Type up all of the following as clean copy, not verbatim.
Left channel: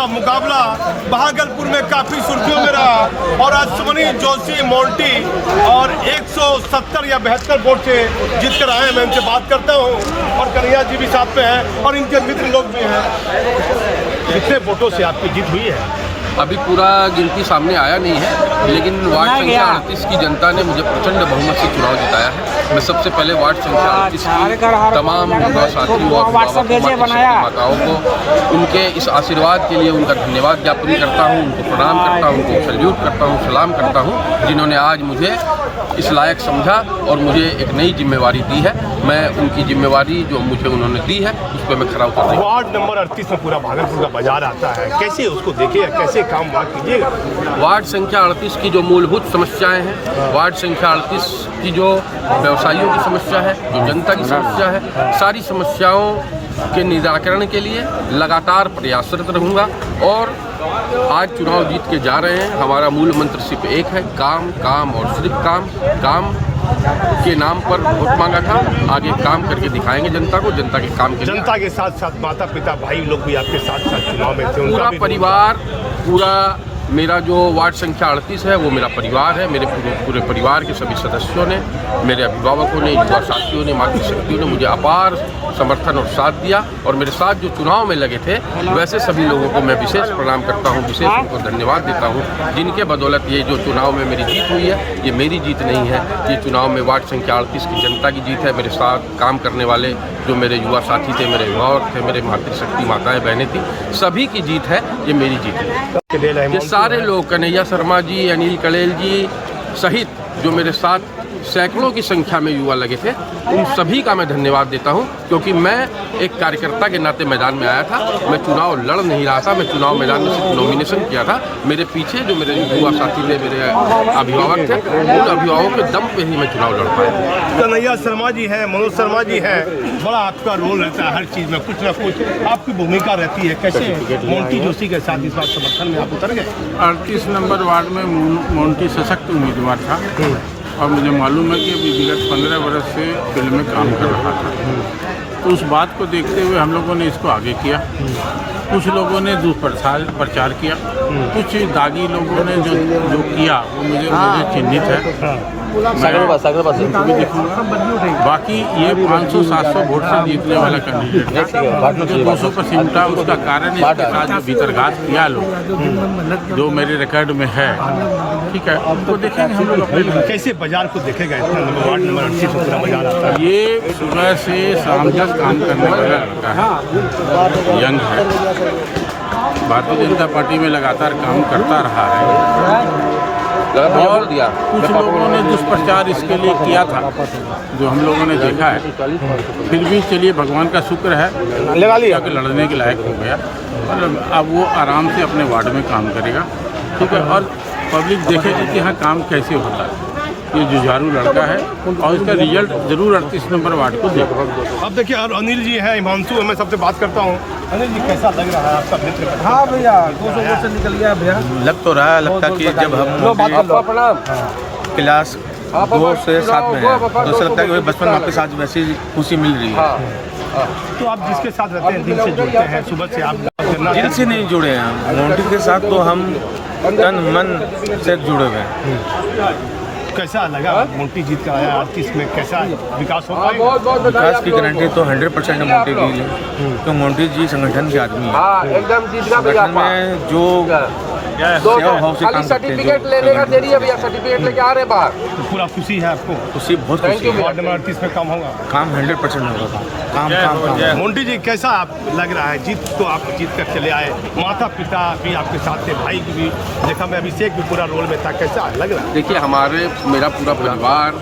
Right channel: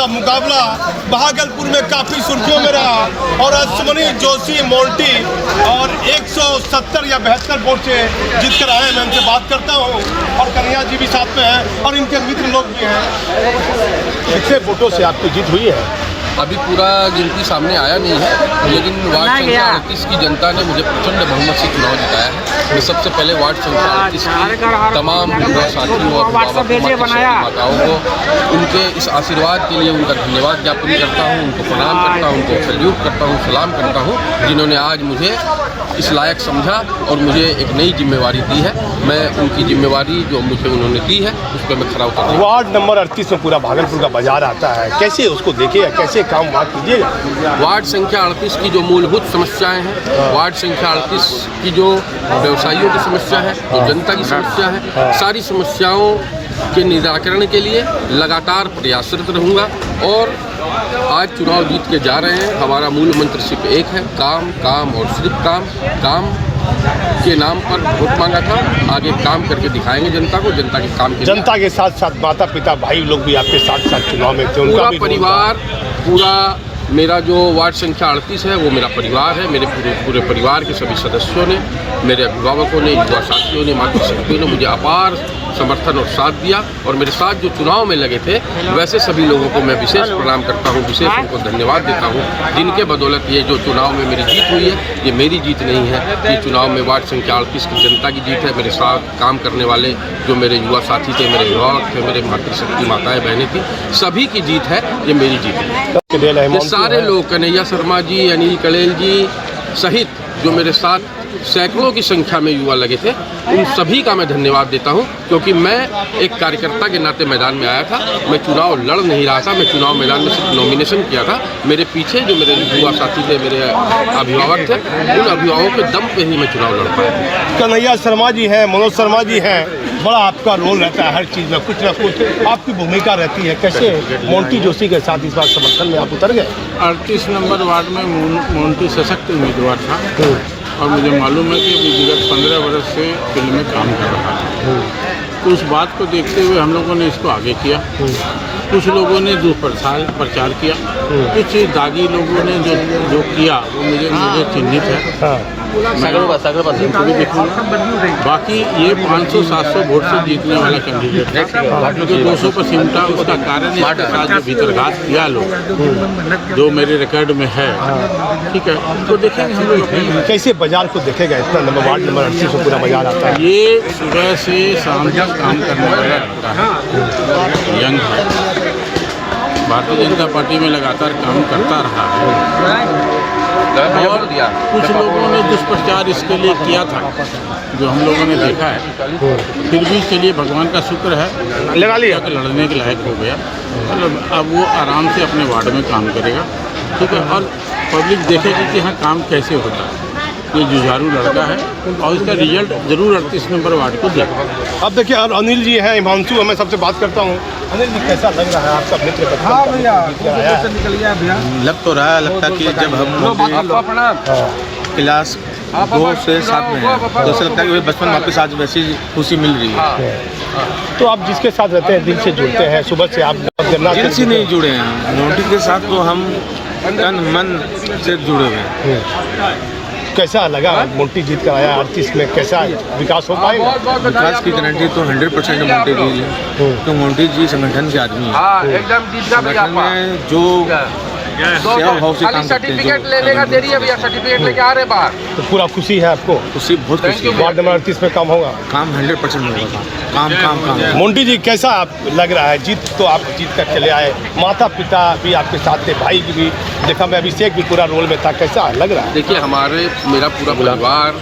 का मुकाबला भागलपुर में काफ़ी सुर्खियों में रहा और अश्विनी जोशी मोंटी और 170 या 72 वोट से जीत कर आए। मैं उनसे बात करता हूँ और कन्हैया जी भी साथ में हैं और इनके मित्र लोग भी हैं। कितने वोटों से आपकी जीत हुई है? अभी पूरा गिनती सामने आया नहीं है, लेकिन वार्ड संख्या 38 की जनता ने मुझे प्रचंड बहुमत से चुनाव जिताया है। मैं सबसे पहले वार्ड संख्या 38 की तमाम साथियों, अभिभावकों, माताओं को उनके इस आशीर्वाद के लिए उनका धन्यवाद ज्ञापन करता हूँ, उनको प्रणाम करता हूँ, उनको सल्यूट करता हूँ, सलाम करता हूँ, जिन्होंने आज मुझे इस लायक समझा और मुझे एक नई जिम्मेवारी दी है। मैं उनकी जिम्मेवारी जो मुझे उन्होंने दी है उस पर मैं खरा उतर रहा हूं। वार्ड नंबर 38 में पूरा भागलपुर का बाजार आता है, कैसे उसको देखिएगा, कैसे काम वहाँ कीजिएगा? वार्ड संख्या 38 की जो मूलभूत समस्याएं हैं, वार्ड संख्या 38 की जो व्यवसायियों की समस्या है, जो जनता की समस्या है, सारी समस्याओं के निराकरण के लिए लगातार प्रयासरत रहूँगा। और आज चुनाव जीत के जा रहे हैं। हमारा मूल मंत्र सिर्फ एक है, काम, काम और सिर्फ काम। काम के नाम पर वोट मांगा था, आगे काम करके दिखाएंगे जनता को, जनता के काम के जनता के साथ साथ माता पिता भाई लोग भी आपके साथ साथ चुनाव में थे। पूरा परिवार, पूरा मेरा जो वार्ड संख्या 38 है वो मेरा परिवार है। मेरे पूरे परिवार के सभी सदस्यों ने, मेरे अभिभावकों ने, युवा साथियों ने, मातृशक्तियों ने मुझे अपार समर्थन और साथ दिया। और मेरे साथ जो चुनाव में लगे थे वैसे सभी लोगों को मैं विशेष प्रणाम करता हूं, विशेष उनको धन्यवाद देता हूं, जिनके बदौलत ये जो चुनाव में मेरी जीत हुई है, ये मेरी जीत नहीं है, ये चुनाव में वार्ड संख्या 38 की जनता की जीत है। मेरे साथ काम करने वाले जो मेरे युवा साथी थे, मेरे अभिभावक थे, मेरे मातृशक्ति माताएँ बहनें थी, सभी की जीत है, ये मेरी जीत है। ये सारे लोग, कन्हैया शर्मा जी, अनिल कलेल जी सहित जो मेरे साथ सैकड़ों की संख्या में युवा लगे थे, उन सभी का मैं धन्यवाद देता हूं, क्योंकि मैं एक कार्यकर्ता के नाते मैदान में आया था। मैं चुनाव लड़ नहीं रहा था, मैं चुनाव मैदान में सिर्फ नॉमिनेशन किया था। मेरे पीछे जो मेरे युवा साथी थे, मेरे अभिभावक थे, उन अभिभावकों के दम पे ही मैं चुनाव लड़ पाया। कन्हैया शर्मा जी हैं, मनोज शर्मा जी हैं, बड़ा आपका रोल रहता है हर चीज़ में, कुछ ना कुछ आपकी भूमिका रहती है। कैसे मोंटी जोशी के साथ इस बार समर्थन में आप उतर गए? 38 नंबर वार्ड में मोंटी सशक्त उम्मीदवार था और मुझे मालूम है कि विगत 15 वर्ष से फील्ड में काम कर रहा था। तो उस बात को देखते हुए हम लोगों ने इसको आगे किया। कुछ लोगों ने दुष्प्रचार किया, कुछ दागी लोगों ने जो किया वो मुझे चिन्हित है, मैं उनको भी देखूंगा। बाकी ये 500-700 वोट से जीतने वाला कैंडिडेट था, जो 200 पर सिमटा। उसका कारण इसके साथ जो भीतरघात किया लोग, जो मेरे रिकॉर्ड में है, ठीक है, उनको देखेंगे हम लोग अपने। कैसे बाजार को देखेगा? इतना नंबर वार्ड नंबर 38 में पूरा बाजार आता है। ये सुबह से शाम तक काम करने वाला लड़का है, यंग है, भारतीय जनता पार्टी में लगातार काम करता रहा है। और कुछ लोगों ने दुष्प्रचार इसके लिए किया था, जो हम लोगों ने देखा है। फिर भी चलिए, भगवान का शुक्र है, लगा लिया कि लड़ने के लायक हो गया। मतलब अब वो आराम से अपने वार्ड में काम करेगा, ठीक है, और पब्लिक देखेगी कि हाँ काम कैसे होता है। ये जुझारू लड़का है और इसका रिजल्ट जरूर 38 नंबर वार्ड को देगा। अब देखिए, और अनिल जी हैं, हिमांशु, मैं सबसे बात करता हूँ। अनिल जी, कैसा लग रहा है आपका मित्र? हाँ भैया, लग तो रहा है, लगता कि जब हम क्लास 2 से 7 में हैं तो ऐसा लगता है कि वही बचपन वापस आज वैसी खुशी मिल रही है। तो आप जिसके साथ रहते हैं, दिल से जुड़ते हैं, सुबह से आप दिल से नहीं जुड़े हैं, मोंटी के साथ तो हम तन मन से जुड़े हुए हैं। कैसा लगा मोंटी जीत कर आया 38 में? कैसा विकास हो पाएगा? विकास की गारंटी तो 100% मोंटी जी है, तो मोंटी जी संगठन के आदमी है। संगठन में जो सेवा भाव से काम करते हैं, तो पूरा खुशी है आपको? खुशी, बहुत खुशी है। वार्ड नंबर 38 में काम होगा? काम 100% होगा। काम काम काम। मोंटी जी, कैसा आप लग रहा है? जीत तो आप जीत कर चले आए, माता पिता भी आपके साथ थे, भाई की भी देखा, मैं अभिषेक भी पूरा रोल में था, कैसा लग रहा है? देखिए, मेरा पूरा परिवार,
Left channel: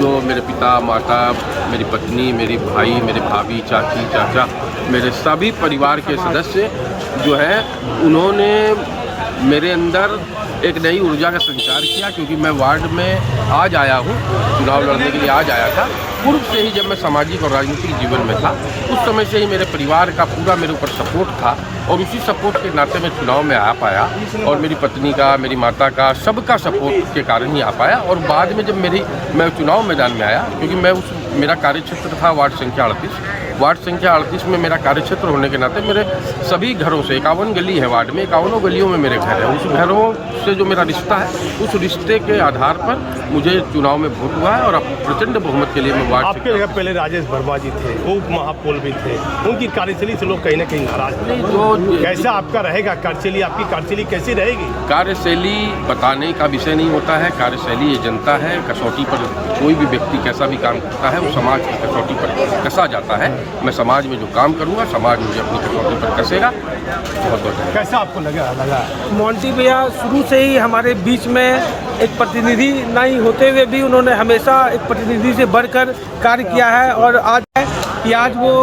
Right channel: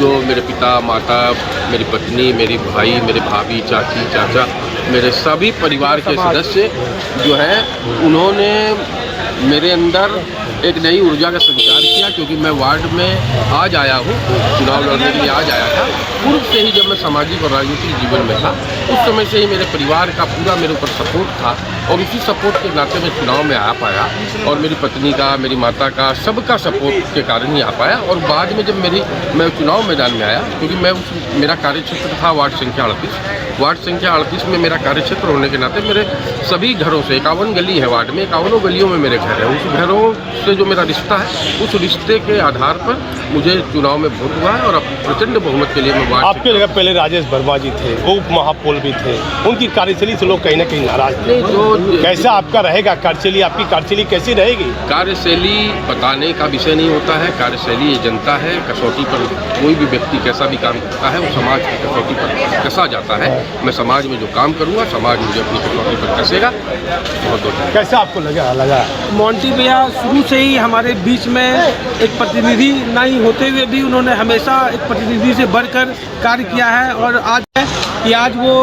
जो मेरे पिता, माता, मेरी पत्नी, मेरी भाई, मेरे भाभी, चाची, चाचा, मेरे सभी परिवार के सदस्य जो है, उन्होंने मेरे अंदर एक नई ऊर्जा का संचार किया, क्योंकि मैं वार्ड में आज आया हूँ, चुनाव लड़ने के लिए आज आया था। पूर्व से ही जब मैं सामाजिक और राजनीतिक जीवन में था, उस समय से ही मेरे परिवार का पूरा मेरे ऊपर सपोर्ट था, और उसी सपोर्ट के नाते मैं चुनाव में आ पाया, और मेरी पत्नी का, मेरी माता का, सबका सपोर्ट के कारण ही आ पाया। और बाद में जब मैं चुनाव मैदान में आया, क्योंकि मेरा कार्यक्षेत्र था वार्ड संख्या 38, वार्ड संख्या 38 में मेरा कार्यक्षेत्र होने के नाते मेरे सभी घरों से 51 गली है वार्ड में, 51 गलियों में मेरे घर है। उस घरों से जो मेरा रिश्ता है, उस रिश्ते के आधार पर मुझे चुनाव में वोट हुआ है और अब प्रचंड बहुमत के लिए मैं वार्ड आपके जगह पहले राजेश वर्मा जी थे, वो उप महापौर भी थे, उनकी कार्यशैली से लोग कहीं ना कहीं नाराज थे। जो कैसा आपका रहेगा कार्यशैली, आपकी कार्यशैली कैसी रहेगी? कार्यशैली बताने का विषय नहीं होता है। कार्यशैली ये जनता है, कसौटी पर कोई भी व्यक्ति कैसा भी काम करता है वो समाज की कसौटी पर कसा जाता है। मैं समाज में जो काम करूँगा, समाज मुझे अपनी कसौटी पर कसेगा। बहुत बहुत कैसा आपको लगा? मोंटी भैया शुरू से ही हमारे बीच में एक प्रतिनिधि नहीं होते हुए भी उन्होंने हमेशा एक प्रतिनिधि से बढ़कर कार्य किया है और आज है कि आज वो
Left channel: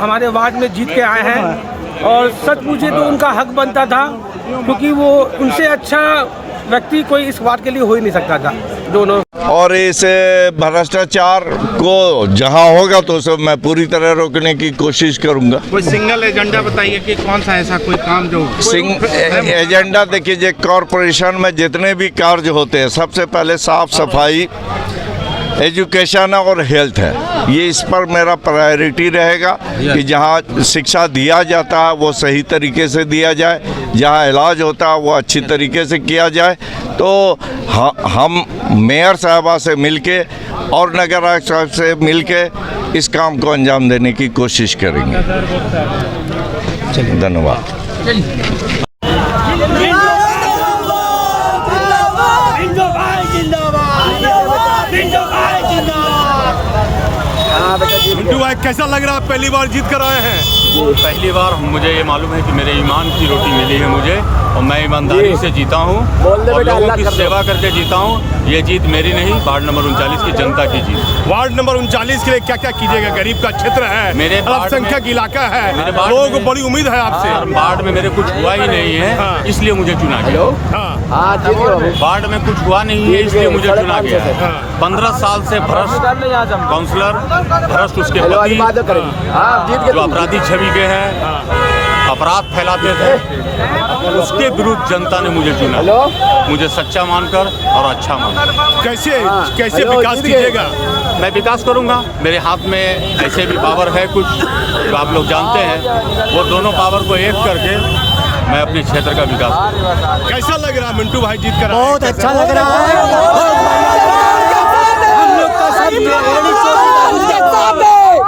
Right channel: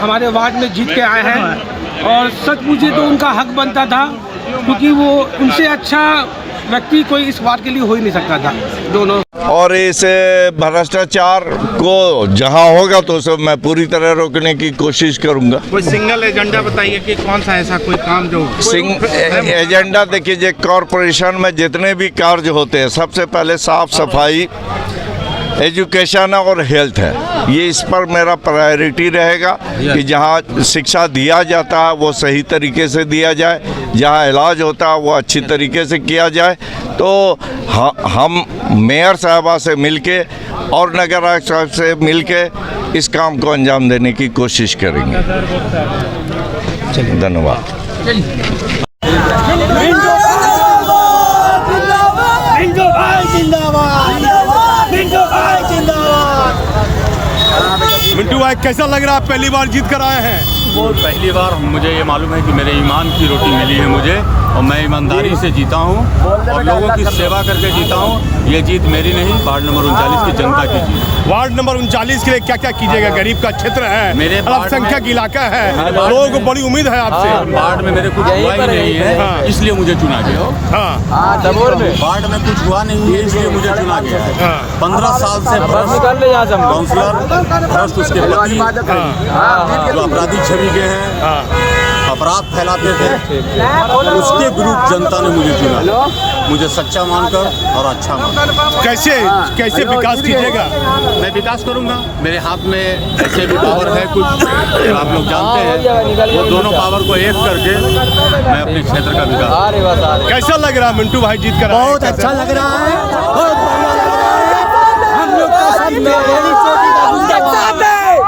हमारे वार्ड में जीत के आए हैं और सच पूछे तो उनका हक बनता था, क्योंकि वो उनसे अच्छा व्यक्ति कोई इस वार्ड के लिए हो ही नहीं सकता था दोनों। और इस भ्रष्टाचार को जहां होगा तो उसे मैं पूरी तरह रोकने की कोशिश करूंगा। कोई सिंगल एजेंडा बताइए कि कौन सा ऐसा कोई काम जो एजेंडा देखिए, जो कॉरपोरेशन में जितने भी कार्य होते हैं, सबसे पहले साफ सफाई, एजुकेशन और हेल्थ है। ये इस पर मेरा प्रायोरिटी रहेगा कि जहाँ शिक्षा दिया जाता है वो सही तरीके से दिया जाए, जहाँ इलाज होता है वो अच्छी तरीके से किया जाए। तो हम मेयर साहबा से मिलके और नगर आयुक्त साहब से मिलके इस काम को अंजाम देने की कोशिश करेंगे। धन्यवाद। मिंटू भाई कैसा लग रहा है, पहली बार जीत कर आए हैं? पहली बार मुझे ये मालूम है कि मेरे ईमान की रोटी मिली है मुझे, और मैं ईमानदारी से जीता हूँ और लोगों की सेवा करके जीता हूँ। ये जीत मेरी नहीं, वार्ड नंबर 39 की जनता की जीत। वार्ड नंबर 39 के लिए क्या क्या कीजिएगा? गरीब का क्षेत्र है, मेरे अल्पसंख्यक इलाका है, मेरे लोगों को बड़ी उम्मीद है आपसे। वार्ड में मेरे कुछ हुआ ही नहीं है, हाँ। इसलिए मुझे चुना गया। हाँ, वार्ड में कुछ हुआ नहीं है, इसलिए मुझे चुना गया है। हाँ। 15 साल से भ्रष्ट काउंसलर, भ्रष्ट उसके पति, जो अपराधी छवि के हैं, हाँ। अपराध फैलाते थे, उसके विरुद्ध जनता ने मुझे चुना, मुझे सच्चा मानकर और अच्छा मानकर। कैसे विकास कीजिएगा? मैं विकास करूंगा, मेरे हाथ में ऐसे भी पावर है कुछ जो आप लोग जानते हैं, वो दोनों पावर को एक करके मैं अपने क्षेत्र का विकास। कैसा लग रहा है मिंटू भाई जीत कर? बहुत अच्छा लग रहा है, बहुत बढ़िया लग रहा है। हम लोग का सब मेरी चोटी का जिंदाबाद।